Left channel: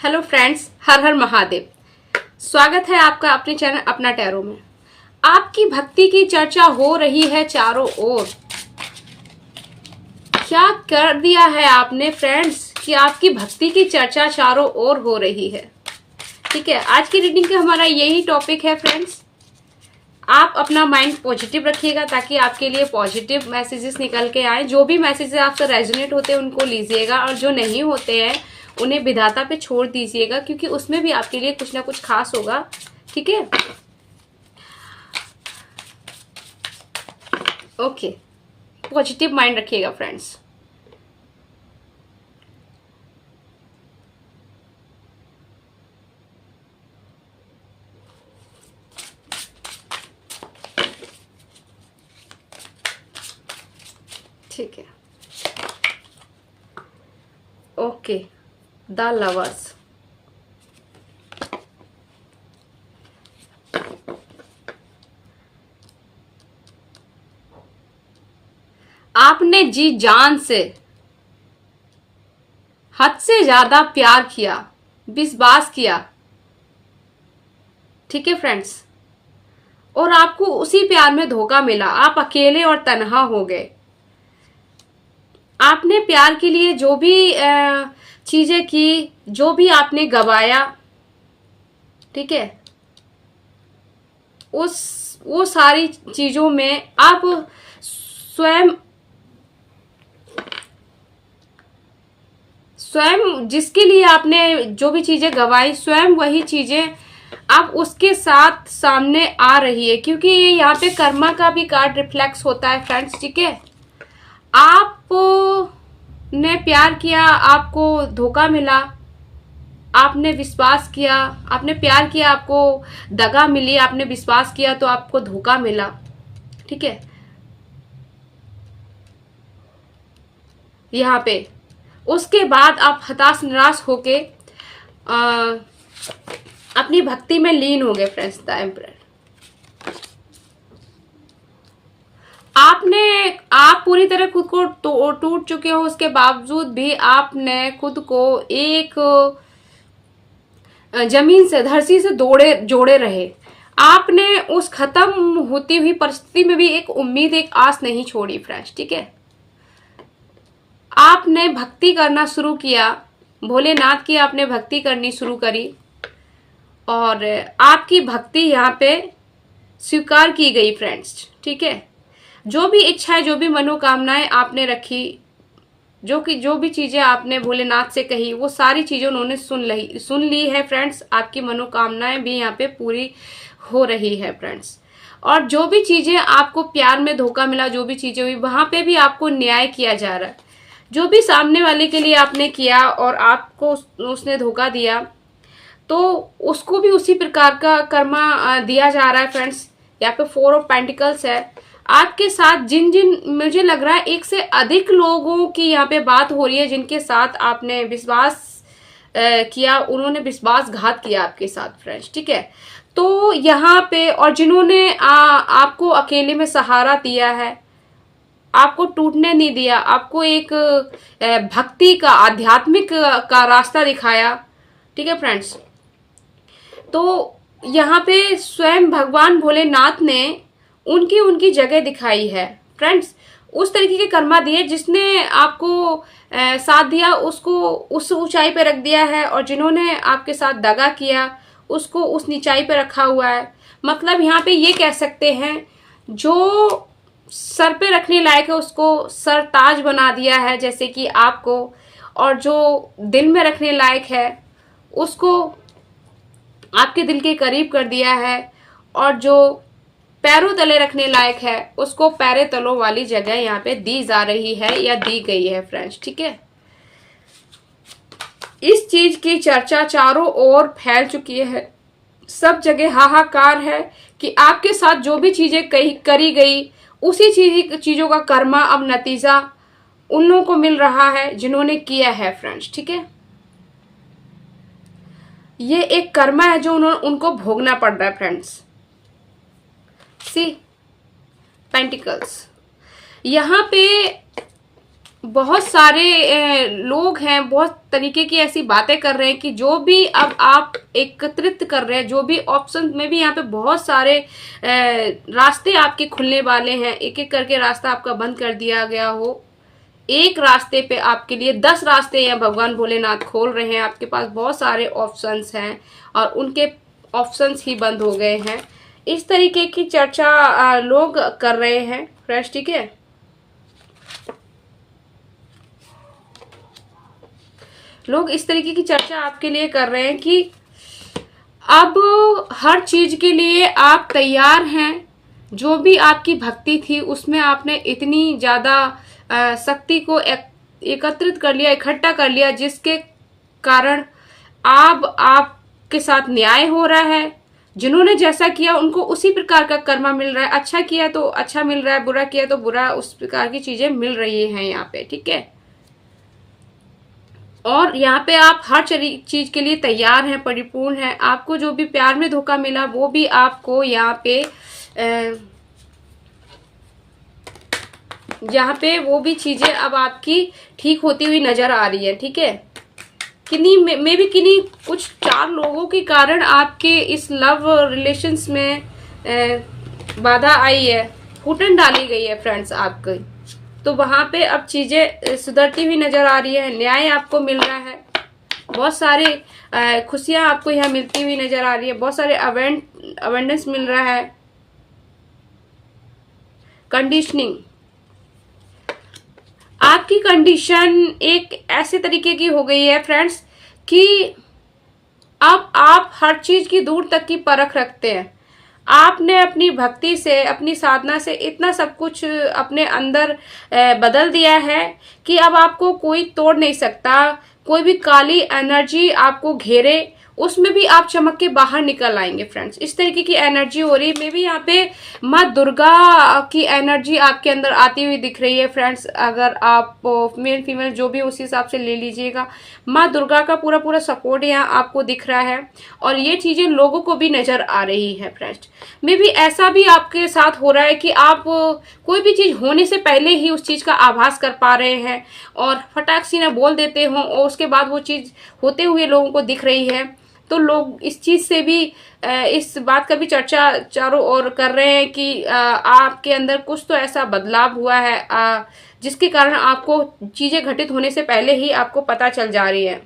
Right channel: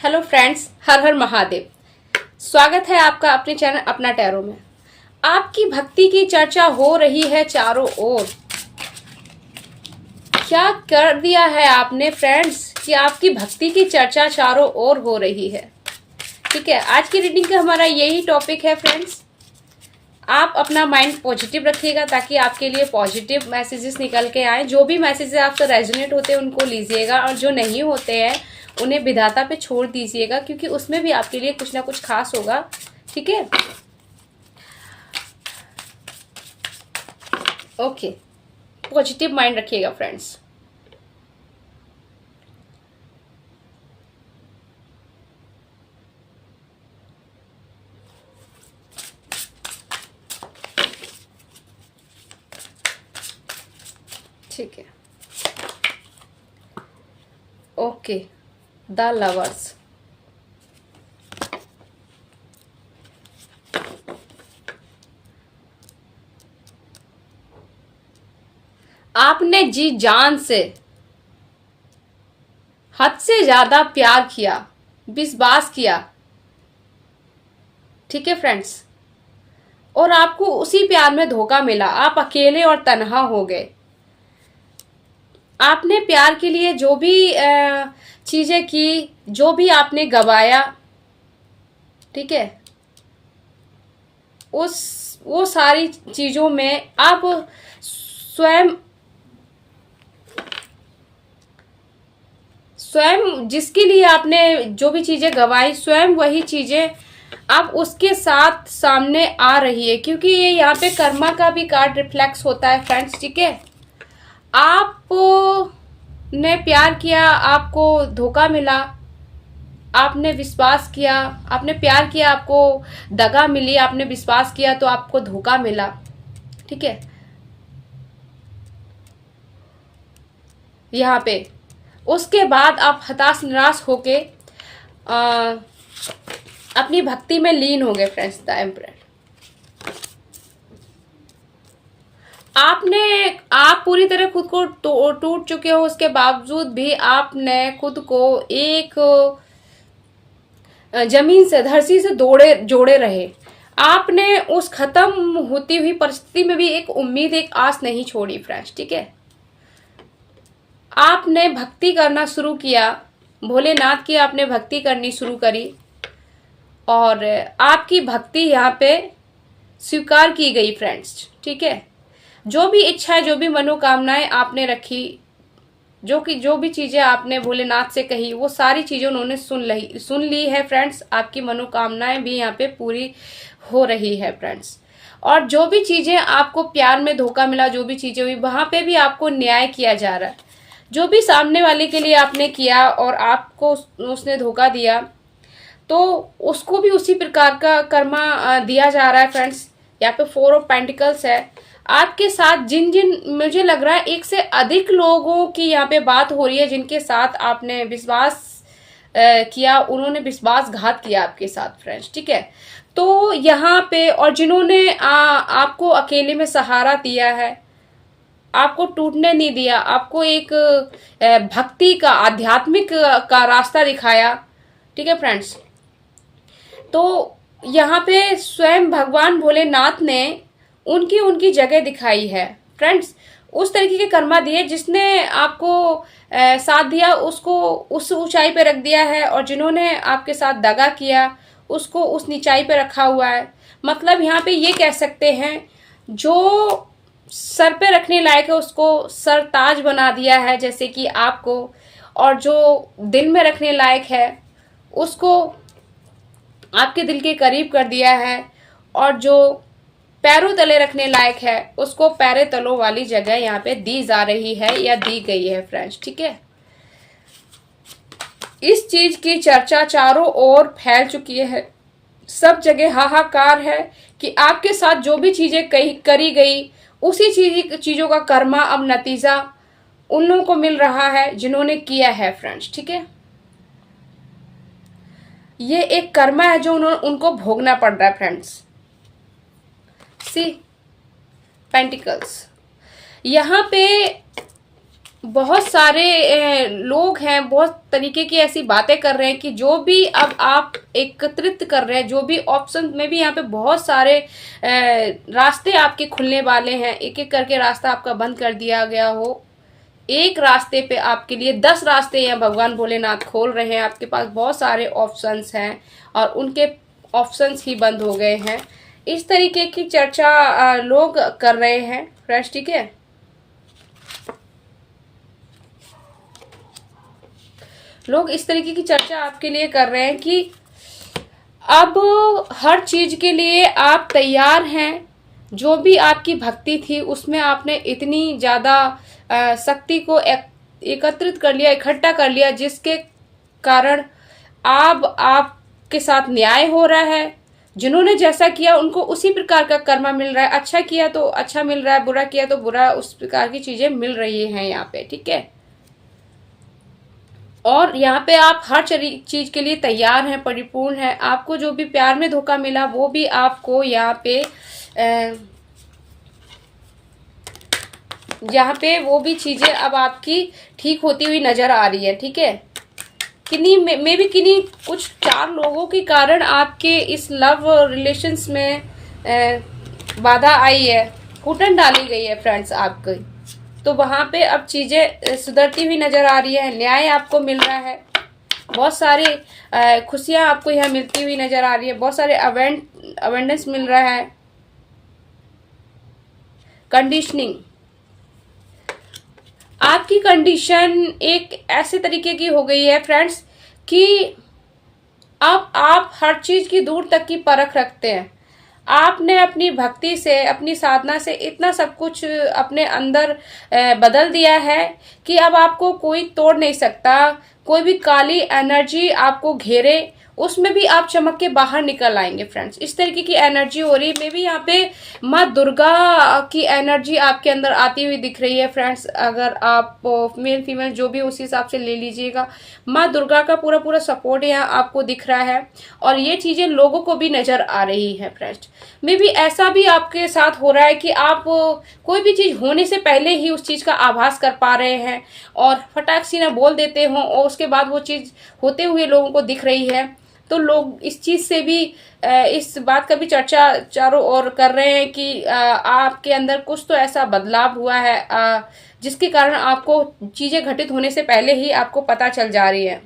Hello friends, हर हर महादेव। स्वागत है आपका अपने चैनल अपना टैरो में। आपकी भक्ति की चर्चा हो रही है चारों ओर। क्या कर दिया है आपने फ्रेंड्स कि आपकी भक्ति की चर्चा चारों ओर हो रही है। ठीक है, आज की रीडिंग का हमारा यही टॉपिक है फ्रेंड्स। आप अपना माइंड पॉजिटिव रखिएगा ताकि आपके लिए पॉजिटिव मैसेजेस निकल के आए। जो भी मैसेजेस आपसे रेजोनेट होते हैं उनको लीजिएगा और जो नहीं होते हैं उन्हें विधाता पे छोड़ दीजिएगा, क्योंकि उसमें भी आपके लिए कुछ ना कुछ खास होगा। ठीक है, ओके। पॉजिटिव माइंड रखिएगा फ्रेंड्स। ठीक है, ओके। द लवर्स, आपने जी जान से हद से ज्यादा प्यार किया, विश्वास किया। ठीक है फ्रेंड्स, और आपको उसी प्यार में धोखा मिला। आप अकेले और तन्हा हो गए। आपने प्यार के लिए जो भी चीजें की, जो भी आपने गवाया, ठीक है, वो सारी चीजों में आप स्वयं जिसके लिए आपने जो भी चीजें गवाई, स्वयं वही चीजें अब उसके साथ सामने आ रही है, क्योंकि ये यहाँ पे कर्मा का भी कार्ड रिफ्लेक्स होता है फ्रेंड्स। ठीक है, आपने प्यार किया, आपको धोखा मिला। आपने विश्वास किया, आपने प्यार किया, आपको दगा मिली। आपने विश्वास किया तो आपको धोखा मिला। ठीक है, यहाँ पे उसके बाद आप हताश निराश होके अपनी भक्ति में लीन हो गए फ्रेंड्स। द एम्परर, आप पूरी तरह खुद को टूट चुके हो। उसके बावजूद भी आपने खुद को एक जमीन से, धरती से जोड़े रहे। आपने उस खत्म होती हुई परिस्थिति में भी एक उम्मीद, एक आस नहीं छोड़ी फ्रेंड्स। ठीक है, आपने भक्ति करना शुरू किया, भोलेनाथ की आपने भक्ति करनी शुरू करी और आपकी भक्ति यहाँ पे स्वीकार की गई फ्रेंड्स। ठीक है, जो भी इच्छाएं, जो भी मनोकामनाएं आपने रखी, जो भी चीजें आपने भोलेनाथ से कही, वो सारी चीजें उन्होंने सुन ली है फ्रेंड्स। आपकी मनोकामनाएं भी यहाँ पे पूरी हो रही है फ्रेंड्स। और जो भी चीजें आपको प्यार में धोखा मिला, जो भी चीजें हुई, वहां पे भी आपको न्याय किया जा रहा है। जो भी सामने वाले के लिए आपने किया और आपको उसने धोखा दिया, तो उसको भी उसी प्रकार का कर्मा दिया जा रहा है फ्रेंड्स। यहाँ पे 4 ऑफ पेंटिकल्स है। आपके साथ जिन मुझे लग रहा है एक से अधिक लोगों की यहाँ पे बात हो रही है, जिनके साथ आपने विश्वास किया, उन्होंने विश्वासघात किया आपके साथ फ्रेंड्स। ठीक है, तो यहाँ पे और जिन्होंने आपको अकेले में सहारा दिया है, आपको टूटने नहीं दिया, आपको एक भक्ति का, आध्यात्मिक का रास्ता दिखाया। ठीक है फ्रेंड्स, तो यहाँ पे स्वयं भगवान भोलेनाथ ने उनकी जगह दिखाई है फ्रेंड्स। उस तरीके के कर्मा दिए, जिसने आपको साथ दिया उसको उस ऊंचाई पे रख दिया है, और जिन्होंने आपके साथ दगा किया उसको उस नीचाई पे रखा हुआ है। मतलब यहाँ पे ये कह सकते हैं, जो सर पे रखने लायक है उसको सरताज बना दिया है, जैसे कि आपको, और जो दिल में रखने लायक है उसको आपके दिल के करीब कर दिया है, और जो पैरों तले रखने लायक है उसको पैरे तलों वाली जगह यहाँ पे दी जा रही है या दी गई है फ्रेंड्स। ठीक है, इस चीज की चर्चा चारों ओर फैल चुकी है। सब जगह हाहाकार है कि आपके साथ जो भी चीजें करी गई, उसी चीजों का कर्मा, अब नतीजा उन लोगों को मिल रहा है जिन्होंने किया है फ्रेंड्स। ठीक है, ये एक कर्मा है जो उनको भोगना पड़ रहा है फ्रेंड्स। सी पेंटिकल्स, यहाँ पे बहुत सारे लोग हैं, बहुत तरीके की ऐसी बातें कर रहे हैं कि जो भी अब आप एकत्रित कर रहे हैं, जो भी ऑप्शन में भी यहाँ पे बहुत सारे रास्ते आपके खुलने वाले हैं। एक एक करके रास्ता आपका बंद कर दिया गया हो, एक रास्ते पे आपके लिए 10 रास्ते यहाँ भगवान भोलेनाथ खोल रहे हैं। आपके पास बहुत सारे ऑप्शंस हैं और उनके ऑप्शंस ही बंद हो गए हैं। इस तरीके की चर्चा लोग कर रहे हैं फ्रेंड्स, ठीक है। लोग इस तरीके की चर्चा आपके लिए कर रहे हैं कि अब हर चीज के लिए आप तैयार हैं। जो भी आपकी भक्ति थी उसमें आपने इतनी ज्यादा शक्ति को एकत्रित कर लिया, इकट्ठा कर लिया, जिसके कारण अब आपके साथ न्याय हो रहा है। जिन्होंने जैसा किया उनको उसी प्रकार का कर्मा मिल रहा है। अच्छा किया तो अच्छा मिल रहा है, बुरा किया तो बुरा, उस प्रकार की चीजें मिल रही हैं यहाँ पे, ठीक है। और यहाँ पे आप हर चीज के लिए तैयार हैं, परिपूर्ण हैं। आपको जो भी प्यार में धोखा मिला वो भी आपको यहाँ पे वो भी चीजें अब आपकी ठीक होती हुई नजर आ रही है, ठीक है। किन्हीं कुछ 4 लोगों के कारण आपके इस लव रिलेशंस में बाधा आई है, घुटन डाली गई है फ्रेंड्स आपकी। तो वहां पे अब चीजें सुधरती हुई नजर आ रही है, न्याय आपको मिल रहा है, बहुत सारे खुशियां आपको यहाँ मिलती हुई नजर आ रही है, बहुत सारे अवेंडेंस मिल रहा है। कंडीशनिंग, आपकी कंडीशन एक ऐसे तरीके की हो गई है फ्रेंड्स कि अब आप हर चीज की दूर तक की परख रखते हैं। आपने अपनी भक्ति से, अपनी साधना से इतना सब कुछ अपने अंदर बदल दिया है कि अब आपको कोई तोड़ नहीं सकता। कोई भी काली एनर्जी आपको घेरे, उसमें भी आप चमक के बाहर निकल आएंगे फ्रेंड्स। इस तरीके की एनर्जी हो रही है। मे भी यहाँ पे माँ दुर्गा की एनर्जी आपके अंदर आती हुई दिख रही है फ्रेंड्स। अगर आप मेल फीमेल जो भी उसी हिसाब से ले लीजिएगा। माँ दुर्गा का पूरा पूरा सपोर्ट यहाँ आपको दिख रहा है और ये चीजें लोगों को भी नजर आ रही है फ्रेंड्स। मे भी ऐसा भी आपके साथ हो रहा है कि आप कोई भी चीज होने से पहले ही उस चीज का आभास कर पा रहे हैं और फटाक सी ना बोल देते हो और उसके बाद वो चीज होते हुए लोगों को दिख रही है। तो लोग इस चीज से भी, इस बात का भी चर्चा चारों ओर कर रहे हैं कि आपके अंदर कुछ तो ऐसा बदलाव हुआ है जिसके कारण आपको चीजें घटित होने से पहले ही आपको पता चल जा रही है।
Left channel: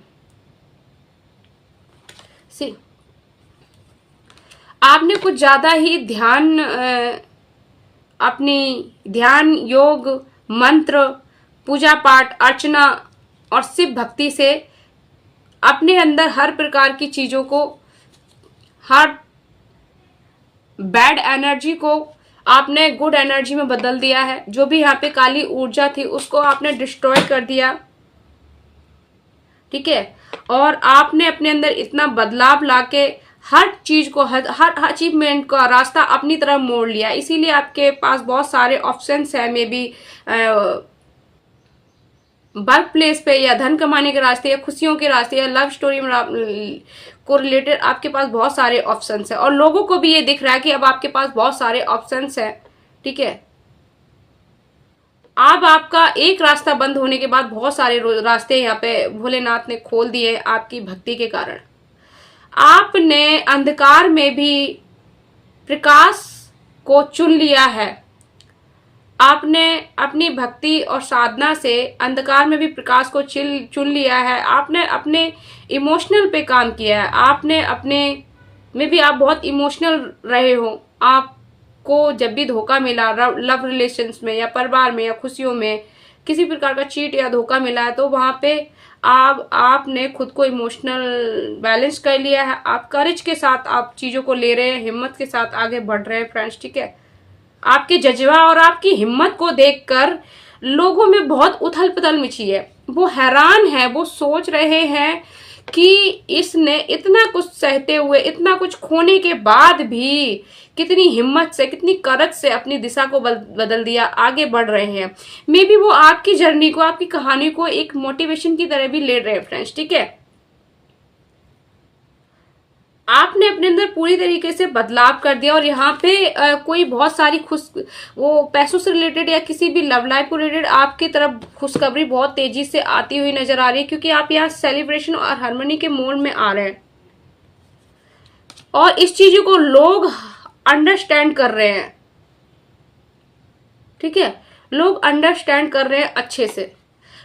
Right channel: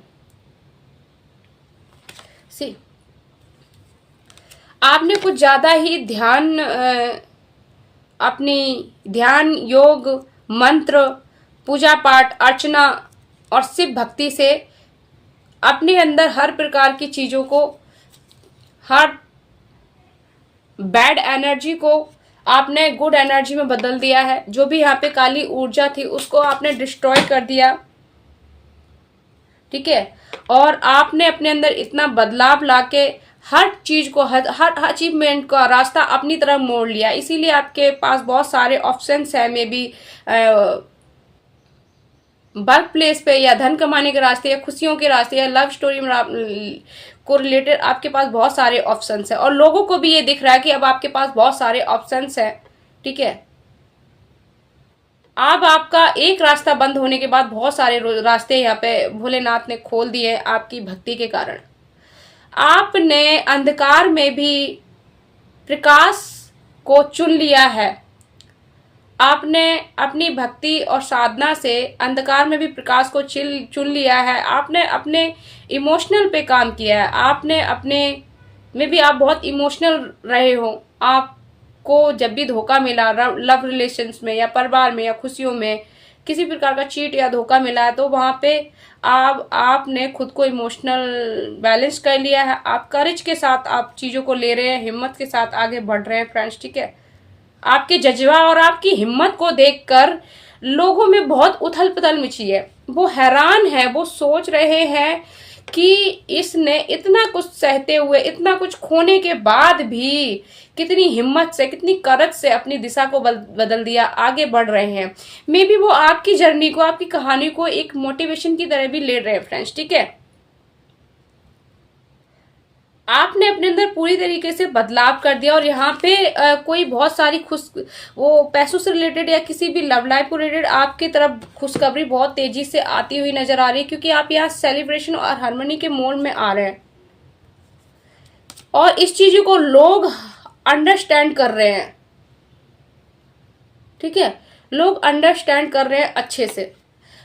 सी, आपने कुछ ज्यादा ही अपनी ध्यान, योग, मंत्र, पूजा पाठ, अर्चना और शिव भक्ति से अपने अंदर हर प्रकार की चीजों को, हर बैड एनर्जी को आपने गुड एनर्जी में बदल दिया है। जो भी यहाँ पे काली ऊर्जा थी उसको आपने डिस्ट्रॉय कर दिया, ठीक है। और आपने अपने अंदर इतना बदलाव लाके हर चीज को, हर अचीवमेंट का रास्ता अपनी तरफ मोड़ लिया। इसीलिए आपके पास बहुत सारे ऑप्शंस है। मे बी वर्क प्लेस पे, या धन कमाने के रास्ते, या खुशियों के रास्ते, या लव स्टोरी को रिलेटेड आपके पास बहुत सारे ऑप्शंस है। और लोगों को भी ये दिख रहा है कि अब आपके पास बहुत सारे ऑप्शंस है, ठीक है। अब आपका एक रास्ता बंद होने के बाद बहुत सारे रास्ते यहाँ पे भोलेनाथ ने खोल दिए आपकी भक्ति के कारण। आपने अंधकार में भी प्रकाश को चुन लिया है। आपने अपनी भक्ति और साधना से अंधकार में भी प्रकाश को चुन लिया है। आपने अपने इमोशनल पे काम किया है। आपने अपने में भी आप बहुत इमोशनल रहे हो। आपको जब भी धोखा मिला लव रिलेशंस में, या परिवार में, या खुशियों में, किसी प्रकार का चीट या धोखा मिला है, तो वहां पे आपने खुद को इमोशनल बैलेंस कर लिया है। आप करेज के साथ आप चीजों को ले रहे हैं, हिम्मत के साथ आगे बढ़ रहे हैं फ्रेंड्स, ठीक है। आपके जज्बा और आपकी हिम्मत को देखकर लोगों में बहुत उथल पुथल मची है। वो हैरान है, वो सोच रहे हैं कि इसने इतना कुछ सहते हुए, इतना कुछ खोने के बाद भी कितनी हिम्मत से, कितनी करज से अपनी दिशा को बदल दिया, आगे बढ़ रहे हैं। मे बी वो आपकी जर्नी को, आपकी कहानी को एक मोटिवेशन की तरह भी ले रहे हैं फ्रेंड्स, ठीक है। आपने अपने अंदर पूरी तरीके से बदलाव कर दिया और यहाँ पे कोई बहुत सारी वो पैसों से रिलेटेड या किसी भी लव लाइफ को रिलेटेड आपकी तरफ खुशखबरी बहुत तेजी से आती हुई नजर आ रही है, क्योंकि आप यहाँ सेलिब्रेशन और हार्मनी के मोड में आ रहे हैं और इस चीज को लोग अंडरस्टैंड कर रहे हैं। ठीक है, लोग अंडरस्टैंड कर रहे हैं अच्छे से।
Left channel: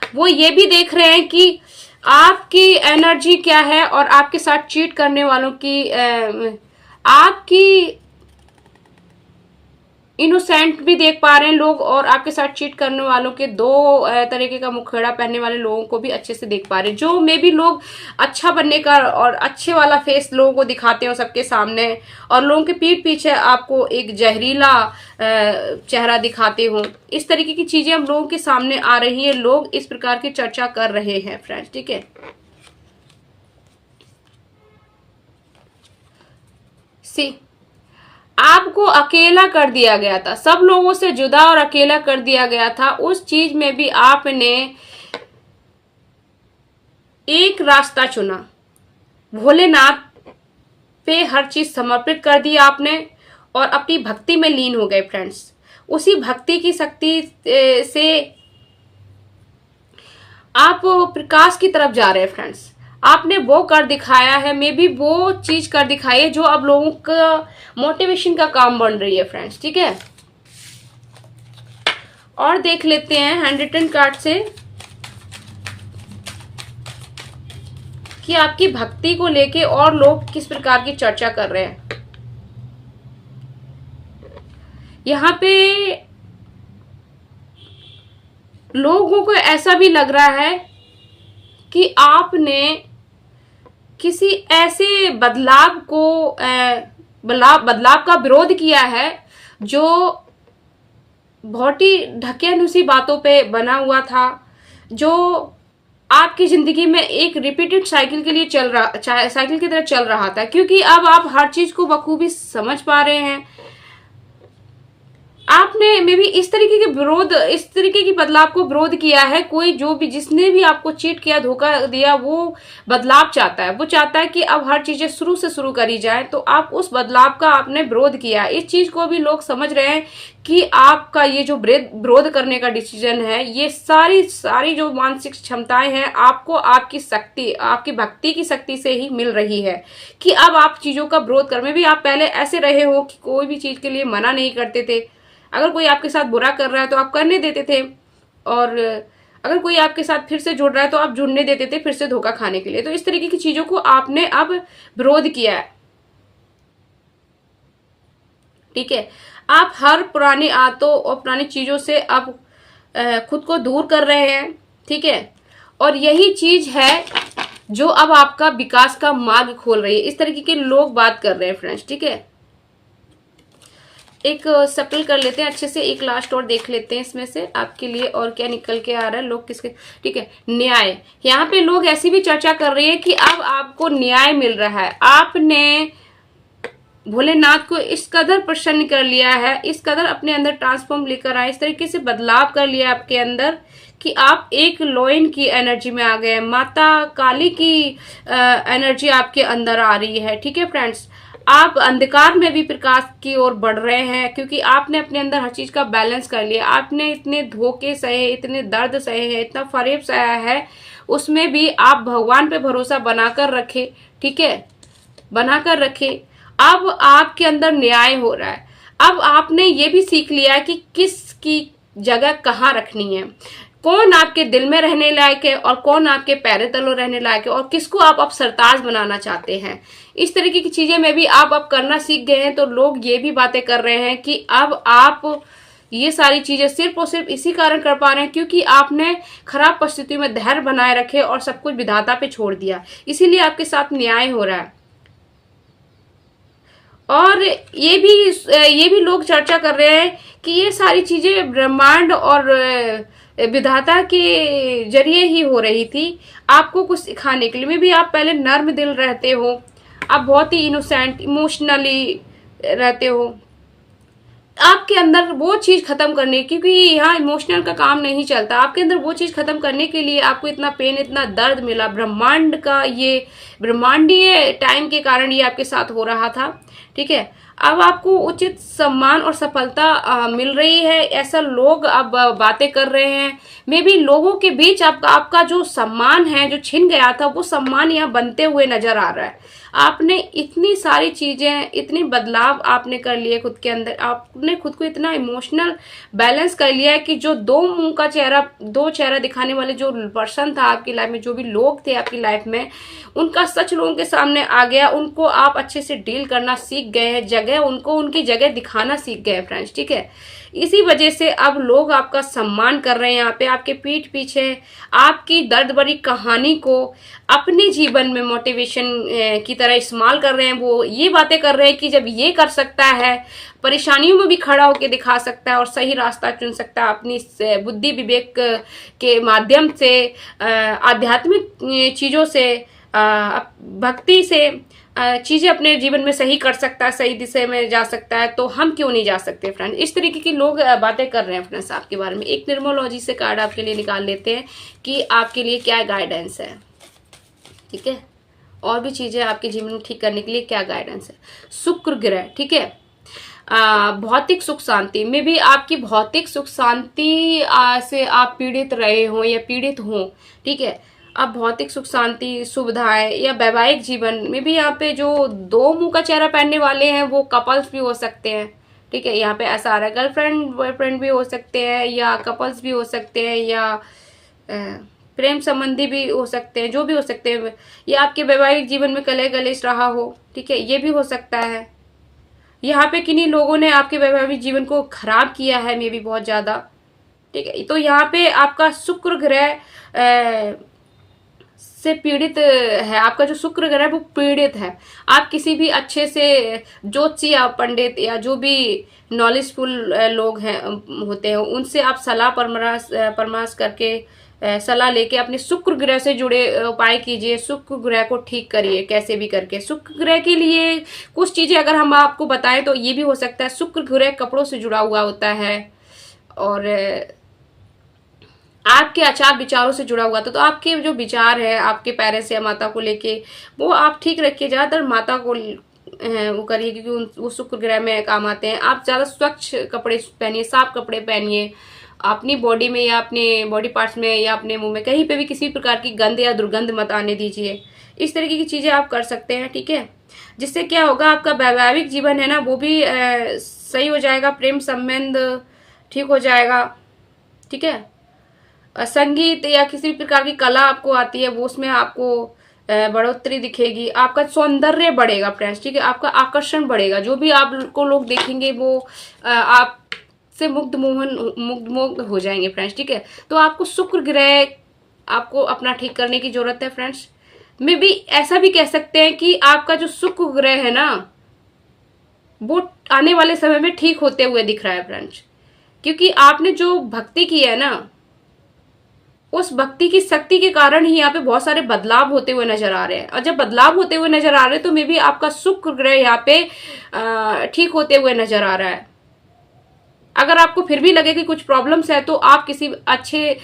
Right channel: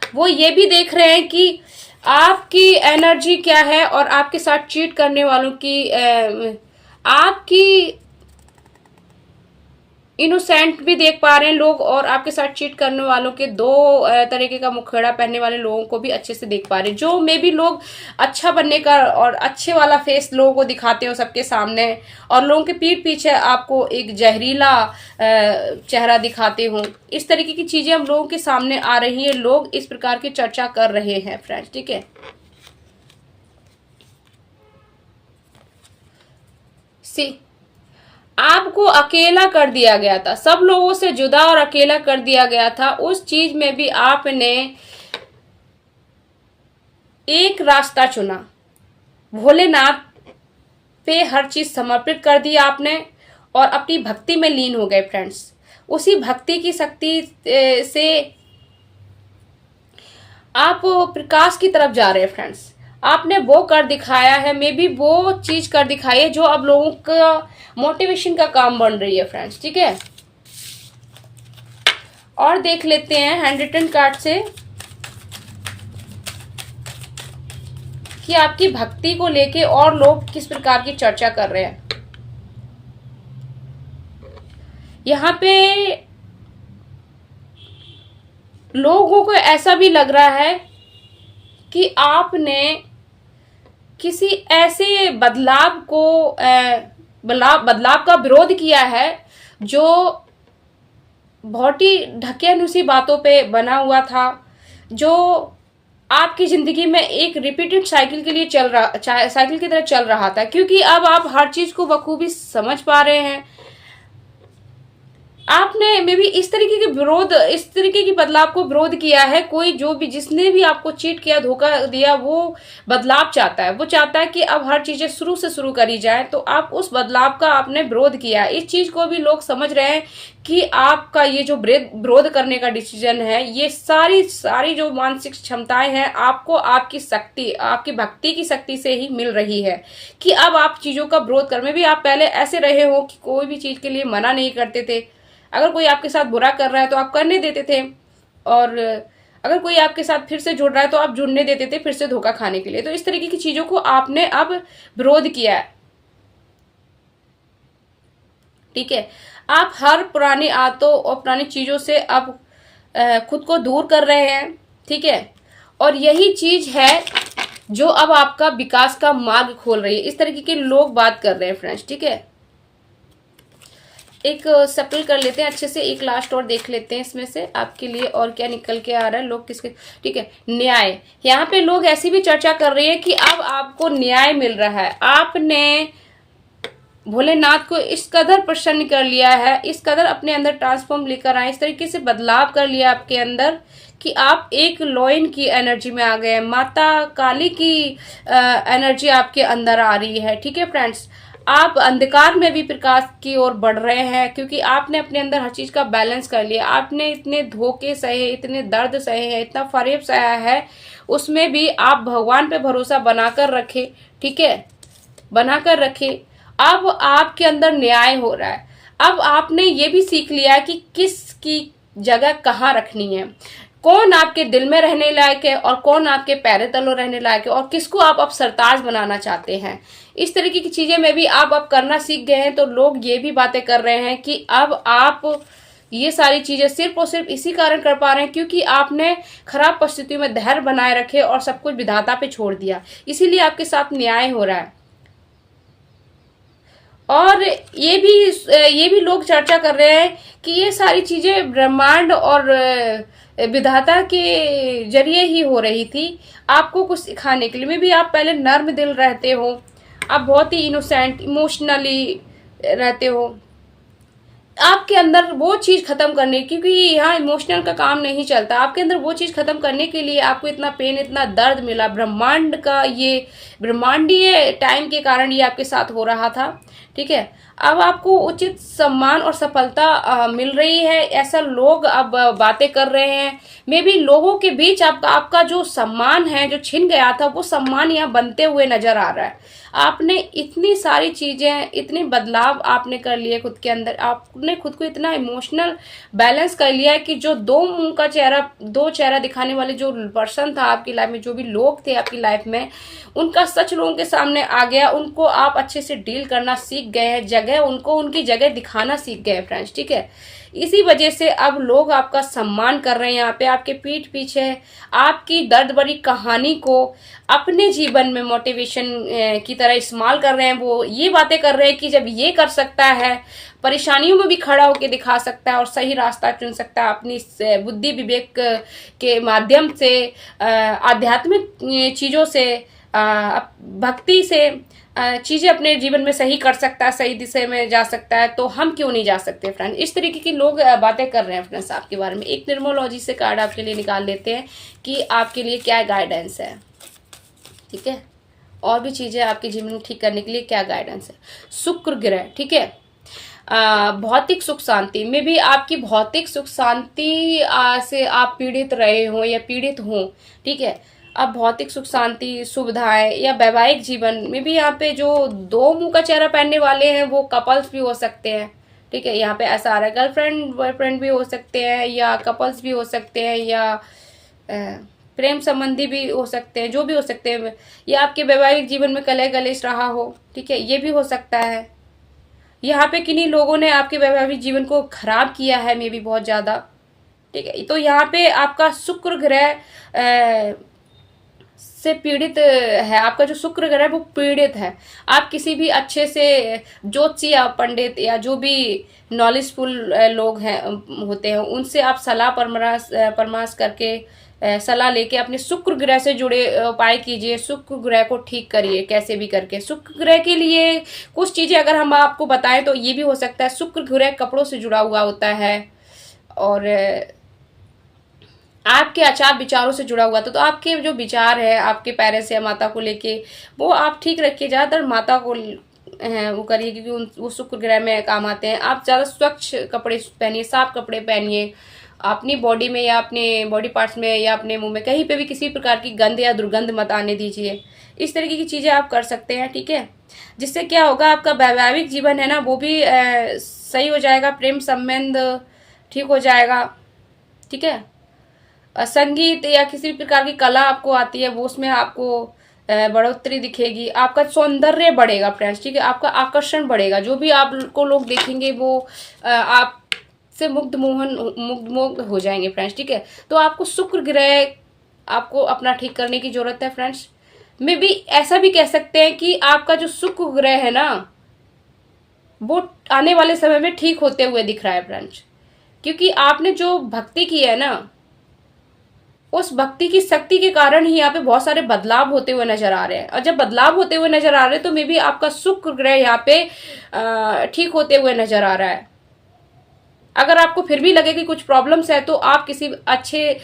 वो ये भी देख रहे हैं कि आपकी एनर्जी क्या है और आपके साथ चीट करने वालों की आपकी इनोसेंट भी देख पा रहे हैं लोग, और आपके साथ चीट करने वालों के दो तरीके का मुखड़ा पहनने वाले लोगों को भी अच्छे से देख पा रहे हैं। जो मे भी लोग अच्छा बनने का और अच्छे वाला फेस लोगों को दिखाते हो सबके सामने, और लोगों के पीठ पीछे आपको एक जहरीला चेहरा दिखाते हो, इस तरीके की चीजें हम लोगों के सामने आ रही है। लोग इस प्रकार की चर्चा कर रहे हैं फ्रेंड्स। ठीक है, सी आपको अकेला कर दिया गया था, सब लोगों से जुदा और अकेला कर दिया गया था। उस चीज में भी आपने एक रास्ता चुना, भोलेनाथ पे हर चीज समर्पित कर दी आपने और अपनी भक्ति में लीन हो गए फ्रेंड्स। उसी भक्ति की शक्ति से आप प्रकाश की तरफ जा रहे हैं फ्रेंड्स। आपने वो कर दिखाया है, मे बी वो चीज कर दिखाई है जो अब लोगों का मोटिवेशन का काम बन रही है फ्रेंड्स। ठीक है, और देख लेते हैं हैंड रिटन कार्ड से कि आपकी भक्ति को लेके और लोग किस प्रकार की चर्चा कर रहे हैं। यहाँ पे लोगों को ऐसा भी लग रहा है कि आपने किसी ऐसे बदलाव का विरोध किया है जो बहुत ही ढकेनुसी बातों पे बना हुआ था, जो आपकी जिंदगी में एक रिपीटेड साइकिल के लिए साइकिल की तरह चल रहा था। क्योंकि अब आप हर चीज को बखूबी समझ पा रहे हैं। आपने मे बी इस तरीके की बदलाव को विरोध किया है। कोई जो भी जिसने भी आपको चीट किया, धोखा दिया, वो बदलाव चाहता है। वो चाहता है कि अब हर चीजें शुरू से शुरू करी जाए, तो आप उस बदलाव का आपने विरोध किया। इस चीज को भी लोग समझ रहे हैं कि आपका ये जो विरोध करने का डिसीजन है, ये सारी जो मानसिक क्षमताएं हैं आपको आपकी शक्ति, आपकी भक्ति की शक्ति से ही मिल रही है कि अब आप चीजों का विरोध कर। में भी आप पहले ऐसे रहे हो कि कोई भी चीज के लिए मना नहीं करते थे। अगर कोई आपके साथ बुरा कर रहा है तो आप करने देते थे, और अगर कोई आपके साथ फिर से जुड़ रहा है तो आप जुड़ने देते थे फिर से धोखा खाने के लिए। तो इस तरीके की चीजों को आपने अब विरोध किया है। ठीक है, आप हर पुरानी आदतों और पुरानी चीजों से अब खुद को दूर कर रहे हैं। ठीक है, और यही चीज है जो अब आपका विकास का मार्ग खोल रही है। इस तरीके के लोग बात कर रहे हैं फ्रेंड्स। ठीक है, एक सफल कर लेते हैं अच्छे से, एक लास्ट और देख लेते हैं इसमें से आपके लिए और क्या निकल के आ रहा है। लोग किसके, ठीक है, न्याय। यहाँ पे लोग ऐसी भी चर्चा कर रहे हैं कि अब आपको न्याय मिल रहा है। आपने भोलेनाथ को इस कदर प्रसन्न कर लिया है, इस कदर अपने अंदर ट्रांसफॉर्म लेकर आए, इस तरीके से बदलाव कर लिया आपके अंदर कि आप एक लॉयन की एनर्जी में आ गए। माता काली की एनर्जी आपके अंदर आ रही है। ठीक है फ्रेंड्स, आप अंधकार में भी प्रकाश की ओर बढ़ रहे हैं, क्योंकि आपने अपने अंदर हर चीज का बैलेंस कर लिया। आपने इतने धोखे सहे, इतने दर्द सहे हैं, इतना फरेब सहा है, उसमें भी आप भगवान पे भरोसा बनाकर रखे। ठीक है, बनाकर रखे। अब आपके अंदर न्याय हो रहा है। अब आपने ये भी सीख लिया कि किसकी जगह कहाँ रखनी है, कौन आपके दिल में रहने लायक है और कौन आपके पैरे तलों रहने लायक है, और किसको आप अब सरताज बनाना चाहते हैं। इस तरीके की चीजें में भी आप अब करना सीख गए हैं। तो लोग ये भी बातें कर रहे हैं कि अब आप ये सारी चीजें सिर्फ और सिर्फ इसी कारण कर पा रहे हैं क्योंकि आपने खराब परिस्थितियों में धैर्य बनाए रखे और सब कुछ विधाता पे छोड़ दिया, इसीलिए आपके साथ न्याय हो रहा है। और ये भी लोग चर्चा कर रहे हैं कि ये सारी चीजें ब्रह्मांड और विधाता के जरिए ही हो रही थी, आपको कुछ सिखाने के लिए। में भी आप पहले नर्म दिल रहते हो, आप बहुत ही इनोसेंट, इमोशनली रहते हो, आपके अंदर वो चीज खत्म करने, क्योंकि यहाँ इमोशनल का काम नहीं चलता, आपके अंदर वो चीज खत्म करने के लिए आपको इतना पेन, इतना दर्द मिला, ब्रह्मांड का ये ब्रह्मांडीय टाइम के कारण ये आपके साथ हो रहा था, ठीक है। अब आपको उचित सम्मान और सफलता मिल रही है, ऐसा लोग अब बातें कर रहे हैं। मे बी लोगों के बीच आपका जो सम्मान है जो छिन गया था, वो सम्मान यहाँ बनते हुए नजर आ रहा है। आपने इतनी सारी चीजें, इतनी बदलाव आपने कर लिए खुद के अंदर, आपने खुद को इतना इमोशनल बैलेंस कर लिया है कि जो दो चेहरा दिखाने वाले जो पर्सन था आपकी लाइफ में, जो भी लोग थे आपकी लाइफ में, उनका सच लोगों के सामने आ गया। उनको आप अच्छे से डील करना सीख गए हैं, जगह उनको उनकी जगह दिखाना सीख गए फ्रेंड्स, ठीक है। इसी वजह से अब लोग आपका सम्मान कर रहे हैं, यहाँ पे आपके पीठ पीछे आपकी दर्द भरी कहानी को अपने जीवन में मोटिवेशन की तरह इस्तेमाल कर रहे हैं। वो ये बातें कर रहे हैं कि जब ये कर सकता है, परेशानियों में भी खड़ा होकर दिखा सकता है और सही रास्ता चुन सकता है, अपनी बुद्धि विवेक के माध्यम से, आध्यात्मिक चीजों से, भक्ति से चीजें अपने जीवन में सही कर सकता है, सही दिशा में जा सकता है, तो हम क्यों नहीं जा सकते फ्रेंड। इस तरीके की लोग बातें कर रहे हैं फ्रेंड्स आपके बारे में। एक न्यूमरोलॉजी से कार्ड आपके लिए निकाल लेते हैं कि आपके लिए क्या गाइडेंस है, ठीक है, और भी चीजें आपके जीवन में ठीक करने के लिए क्या गाइडेंस है। शुक्र ग्रह, ठीक है, भौतिक सुख शांति में भी, आपकी भौतिक सुख शांति से आप पीड़ित रहे हो या पीड़ित हो, ठीक है। अब भौतिक सुख शांति, सुविधाएं या वैवाहिक जीवन में भी यहाँ पे जो दो मुंह का चेहरा पहनने वाले हैं वो कपल्स भी हो सकते हैं, ठीक है। यहाँ पे ऐसा आ रहा है गर्लफ्रेंड बॉयफ्रेंड भी हो सकते हैं, या कपल्स भी हो सकते हैं, या प्रेम संबंधी भी हो सकते हैं, जो भी हो सकते हैं, या आपके वैवाहिक जीवन में कलह कलेश रहा हो, ठीक है, ये भी हो सकता है। यहाँ पे किन्हीं लोगों ने आपके वैवाहिक जीवन को खराब किया है, मे भी बहुत ज्यादा, ठीक है। तो यहाँ पे आपका शुक्र ग्रह से पीड़ित है, आपका जो शुक्र ग्रह है वो पीड़ित है। आप किसी भी अच्छे से ज्योतिषी या पंडित या जो भी नॉलेजफुल लोग हैं होते हैं, उनसे आप सलाह परामर्श करके सलाह लेके अपने शुक्र ग्रह से जुड़े उपाय कीजिए, शुक्र ग्रह को ठीक करिए कैसे भी करके। शुक्र ग्रह के लिए कुछ चीजें अगर हम आपको बताएं तो ये भी हो सकता है, शुक्र ग्रह कपड़ों से जुड़ा हुआ होता है और आपके आचार विचारों से जुड़ा हुआ था। तो आपके जो विचार है आपके पेरेंट्स या माता को लेके, वो आप ठीक रखिए। ज्यादातर माता को वो करिए क्योंकि वो शुक्र ग्रह में काम आते हैं। आप ज्यादा स्वच्छ कपड़े पहनिए, साफ कपड़े पहनिए, अपनी बॉडी में या अपने बॉडी पार्ट्स में या अपने मुंह में कहीं पे भी किसी प्रकार की गंध या दुर्गंध मत आने दीजिए। इस तरीके की चीजें आप कर सकते हैं, ठीक है। जिससे क्या होगा, आपका वैवाहिक जीवन है ना वो भी सही हो जाएगा, प्रेम संबंध ठीक हो जाएगा, ठीक है। संगीत या किसी प्रकार की कला आपको आती है वो उसमें आपको बढ़ोतरी दिखेगी, आपका सौंदर्य बढ़ेगा फ्रेंड्स, ठीक है। आपका आकर्षण बढ़ेगा, जो भी आपको लोग देखेंगे वो आप से मुग्ध हो जाएंगे फ्रेंड्स, ठीक है। तो आपको शुक्र ग्रह आपको अपना ठीक करने की जरूरत है फ्रेंड्स। मे भी ऐसा भी कह सकते हैं कि आपका जो शुक्र ग्रह है ना वो आने वाले समय में ठीक होते हुए दिख रहा है फ्रेंड्स, क्योंकि आपने जो भक्ति की है ना उस भक्ति की शक्ति के कारण ही यहाँ पे बहुत सारे बदलाव होते हुए नजर आ रहे हैं। और जब बदलाव होते हुए नजर आ रहे हैं तो मे बी आपका शुक्र ग्रह यहाँ पे ठीक होते हुए नजर आ रहा है। अगर आपको फिर भी लगे कि कुछ प्रॉब्लम्स है तो आप किसी अच्छे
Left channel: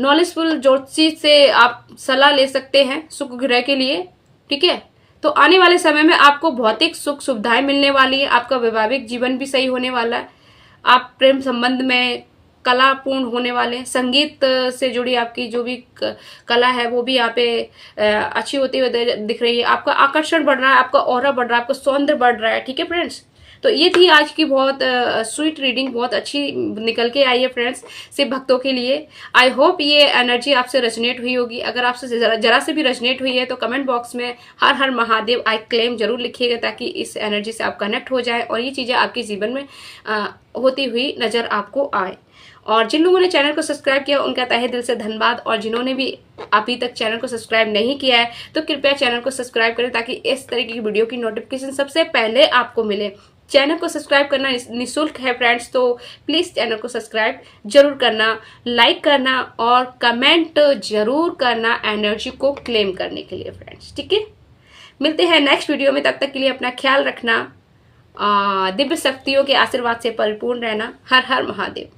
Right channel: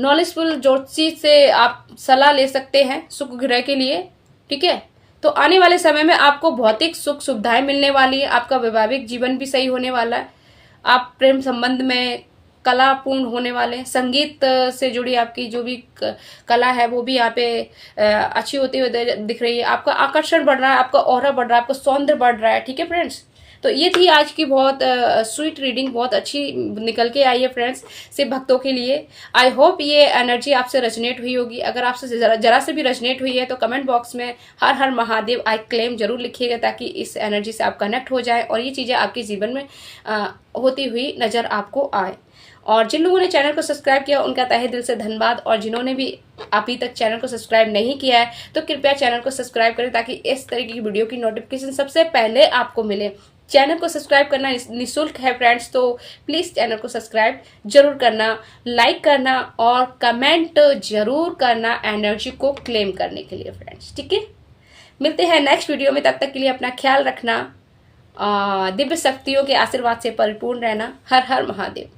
नॉलेजफुल ज्योतिषी से आप सलाह ले सकते हैं शुक्र ग्रह के लिए, ठीक है। तो आने वाले समय में आपको भौतिक सुख सुविधाएं मिलने वाली है, आपका वैवाहिक जीवन भी सही होने वाला है, आप प्रेम संबंध में कलापूर्ण होने वाले, संगीत से जुड़ी आपकी जो भी कला है वो भी यहाँ पे अच्छी होती हुई दिख रही है, आपका आकर्षण बढ़ रहा है, आपका ऑरा बढ़ रहा है, आपका सौंदर्य बढ़ रहा है, ठीक है फ्रेंड्स। तो ये थी आज की बहुत स्वीट रीडिंग, बहुत अच्छी निकल के आई है फ्रेंड्स से भक्तों के लिए। आई होप ये एनर्जी आपसे रेजोनेट हुई होगी। अगर आपसे जरा से भी रेजोनेट हुई है तो कमेंट बॉक्स में हर हर महादेव आई क्लेम जरूर लिखिएगा, ताकि इस एनर्जी से आप कनेक्ट हो जाए और ये चीजें आपके जीवन में होती हुई नजर आपको आए। और जिन लोगों ने चैनल को सब्सक्राइब किया उनका तहे दिल से धन्यवाद, और जिन्होंने भी अभी तक चैनल को सब्सक्राइब नहीं किया है तो कृपया चैनल को सब्सक्राइब करें, ताकि इस तरीके की वीडियो की नोटिफिकेशन सबसे पहले आपको मिले। चैनल को सब्सक्राइब करना निःशुल्क है फ्रेंड्स, तो प्लीज चैनल को सब्सक्राइब जरूर करना, लाइक करना और कमेंट जरूर करना एनर्जी को क्लेम करने के लिए फ्रेंड्स, ठीक है। मिलते हैं नेक्स्ट वीडियो में, तब तक के लिए अपना ख्याल रखना दिव्य शक्तियों के आशीर्वाद से परिपूर्ण रहना। हर हर महादेव।